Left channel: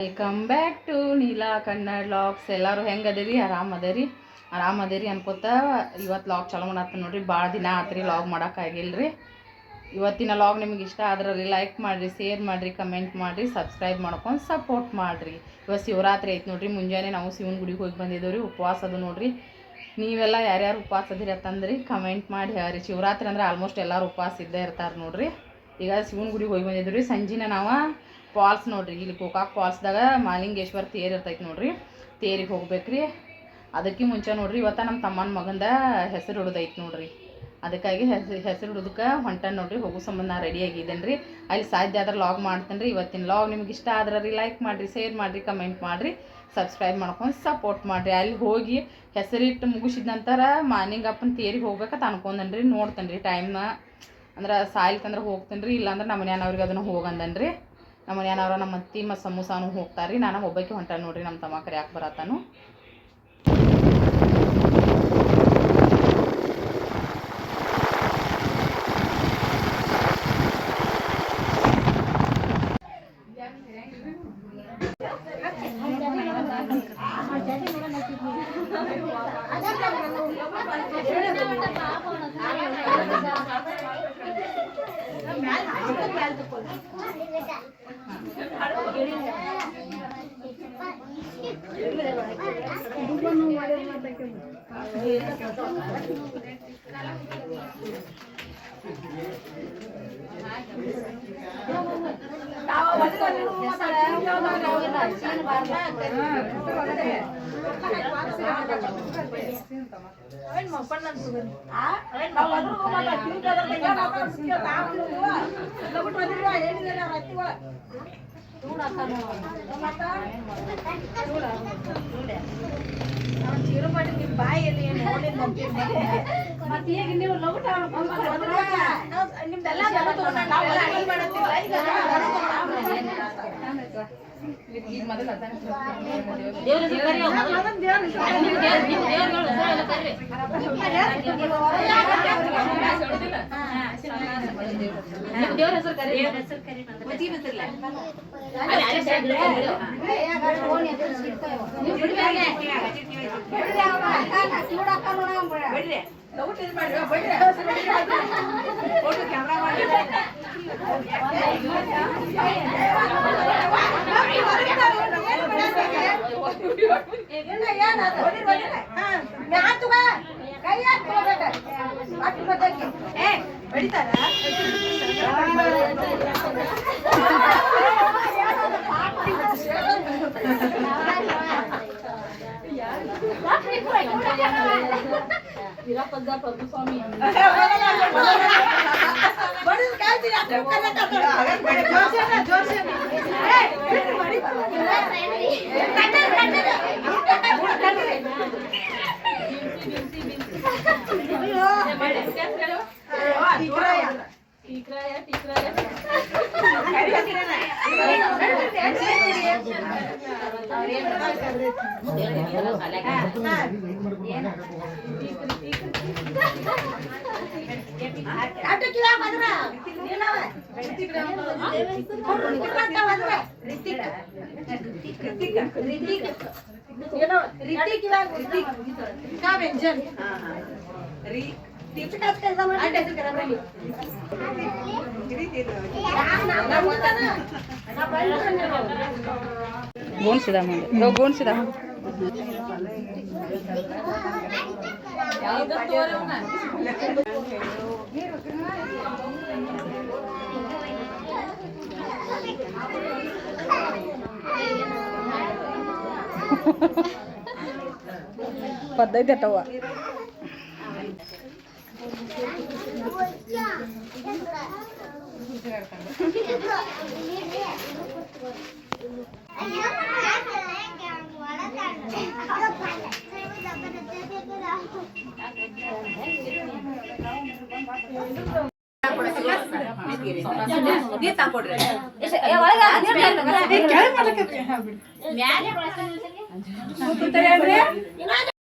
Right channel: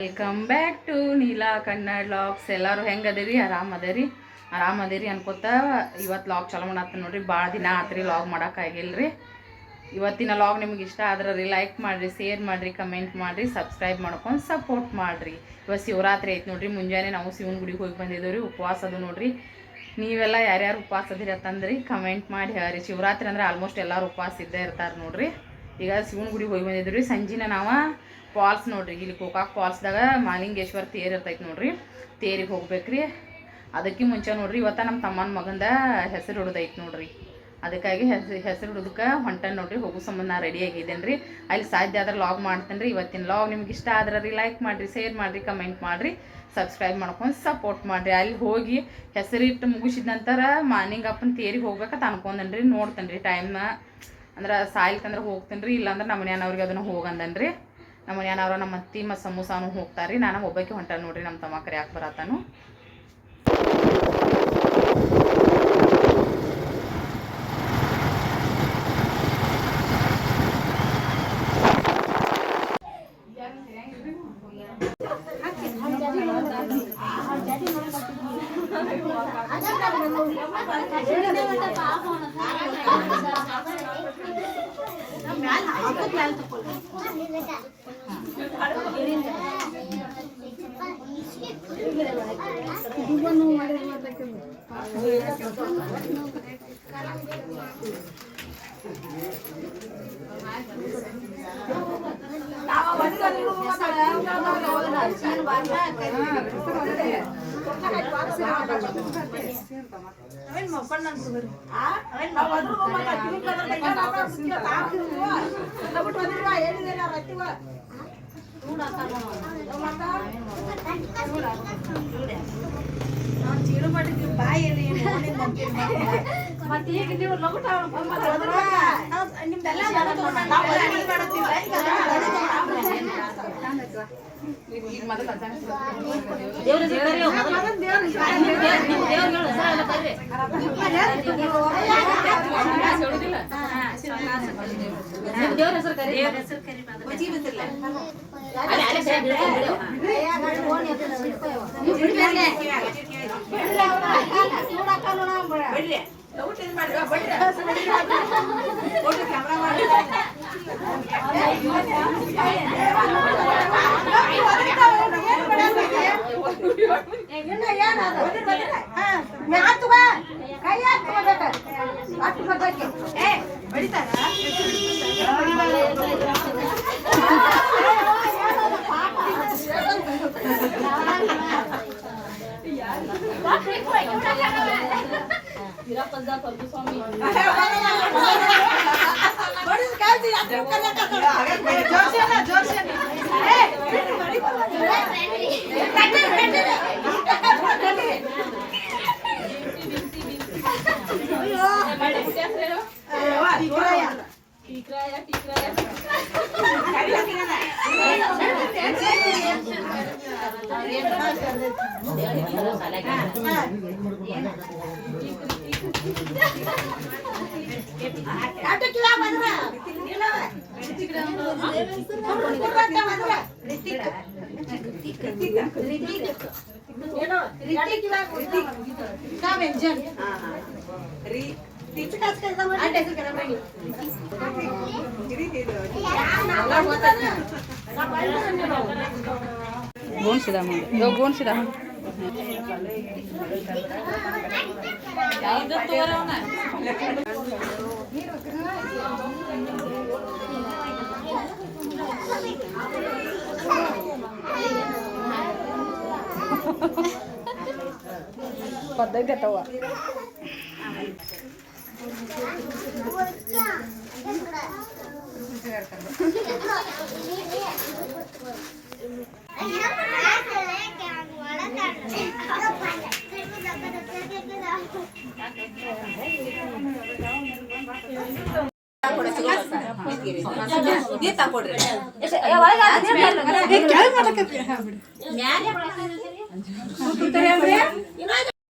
Welcome back to Neela Kannada logs. ಎಲ್ಲರೂ ಹೆಂಗದಿರಿ? ಆರಾಮದಿರಿ ಅನ್ಕೋತ ಇವತ್ತು ಲಾಗ್ ಚಾಲೂ ಮಾಡತ್ತ ನೋಡ್ರಿ. ಭಾಳ ದಿನ ಆತ್ರಿ ಲಾಗ್ ಮಾಡೋಕ್ಕಾಗಿಲ್ರಿ. ಇವತ್ತಿನ ಲಾಗ್ ನಿಮ್ಗೆ ಇಷ್ಟ ಆದ್ರೆ ಲೈಕ್ ಮಾಡಿರಿ, ಶೇರ್ ಮಾಡಿರಿ, ಕಮೆಂಟ್ ಮಾಡಿರಿ, ಸಬ್ಸ್ಕ್ರೈಬ್ ಮಾಡ್ಕೊಂಡು ಸಪೋರ್ಟ್ ಮಾಡಿರಿ. ಇವತ್ತು ಶಿವರಾತ್ರಿ ಐತೆ ನೋಡ್ರಿ. ಮುಂಜಾನೆ ನಾವು ಶಿವನ ಗುಡಿಗೆ ಹೋಗಿ ಬಂದಿದ್ದೇವೆ ರೀ. ಉಪವಾಸ ಅದು ನೋಡ್ರಿ. ನೀವೆಲ್ಲ ಯಾರ್ಯಾರು ಉಪವಾಸ ಅದಿರಿ ಅಂತಂದ್ರಿ ಕಮೆಂಟ್ ಮಾಡಿ ಹೇಳ್ರಿ. ಶಿವರಾತ್ರಿ ಅಂದ್ರೆ ಆಲ್ಮೋಸ್ಟ್ ಎಲ್ಲರೂ ಉಪವಾಸ ಇದ್ದೇ ಇರ್ತಾರೆ ನೋಡ್ರಿ. ಈಗ ಶಿವನ ಗುಡಿಗೆ ಹೋಗಿ ಬಂದಿದ್ವಿ ರೀ. ಸಂಜಿನ ನಾವು ಫಾಲ್ಸ್ ನೋಡ್ರಿ, ಇಲ್ಲಿ ಗೋಕಾಕ್ ಫಾಲ್ಸ್ದಾಗ ಮಾಲಿಂಗೇಶ್ವರ ತೇರು ಇರ್ತೈತೆ ನೋಡ್ರಿ. ತೇರಿಗೆ ಹೋಗ್ಬೇಕ್ರಿ. ಅದಕ್ಕೆ ಮುಂಚೆ ನೋಡ್ರಿ ಇವತ್ತು ನಮ್ಮ ತಮ್ಮನ ಮಗಂದ ಹೆಸರು ಹಿಡಿದೈತೆ ನೋಡ್ರಿ. ಅದಕ್ಕಾಗಿ ಹೆಸರು ಹಿಡಿದಕ್ಕೆ ಹೊಂಟನ್ ನೋಡ್ರಿ. ಹೋಗೋ ಸಂಬಂಧ ನಾ ರೆಡಿ ಆಗಿದ್ದೇನೆ ರೀ. ಅಲ್ಲಿ ಸಾಧ್ಯ ಆದ್ರೆ ಲಾಗ್ ಮಾಡ್ತೇನೆ ರೀ. ಇವತ್ತಿನ ಲಾಗ್ ನಿಮ್ಗೆ ಇಷ್ಟ ಆದ್ರೆ ರೀ ಲೈಕ್ ಮಾಡಿರಿ, ಶೇರ್ ಮಾಡಿರಿ, ಕಮೆಂಟ್ ಮಾಡಿರಿ, ಸಬ್ಸ್ಕ್ರೈಬ್ ಮಾಡ್ಕೊಂಡು ಸಪೋರ್ಟ್ ಮಾಡಿರಿ. ಅಲ್ಲಿ ಹೋಗಿ ಹೆಸರಿಟ್ಟು ಮುಗಿಸಿದ ನಂತರ ಮಾನಿಂಗಪ್ಪನ ತೇರಿಗೆ ಹೋಗ್ಬೇಕಂತ ಅನ್ಕೊಂಡೇನೆ ರೀ. ನೋಡ್ತೇನೆ ರೀ ಟೈಮ್ನ ಅಂದ್ರೆ ಸಾಯ್ಲಿಕ್ಕಂದ್ರೆ ಹೋಗ್ತೇನೆ ರೀ. ಇಲ್ಲಾಂದ್ರೆ ನಮ್ಮ ಮನೆಯವ್ರಿಗೆ ಅದನ್ನು ಹೋಗಂದನ್ ರೀ. ನಮ್ಮ ಮನೆಯವ್ರ ನಮ್ಮ ಅತ್ತಿ ಮತ್ತು ಸಮೂಸಾನು ಹೋಗ್ತಾರೆ ರೀ. ನಾನು ಒಬ್ಬಕ್ಕೆ ಹೊಂಟ ನೋಡ್ರಿ. ನಮ್ಮ ತಮ್ಮ ಕರಿಯಾಕೆ ಬರತ್ತಾನು. ಗೋಣಿಸಿದ ಮುಂದೆ ಗೋಣಿಸಿದ ಪದ್ದತಿ ಅತ್ತವ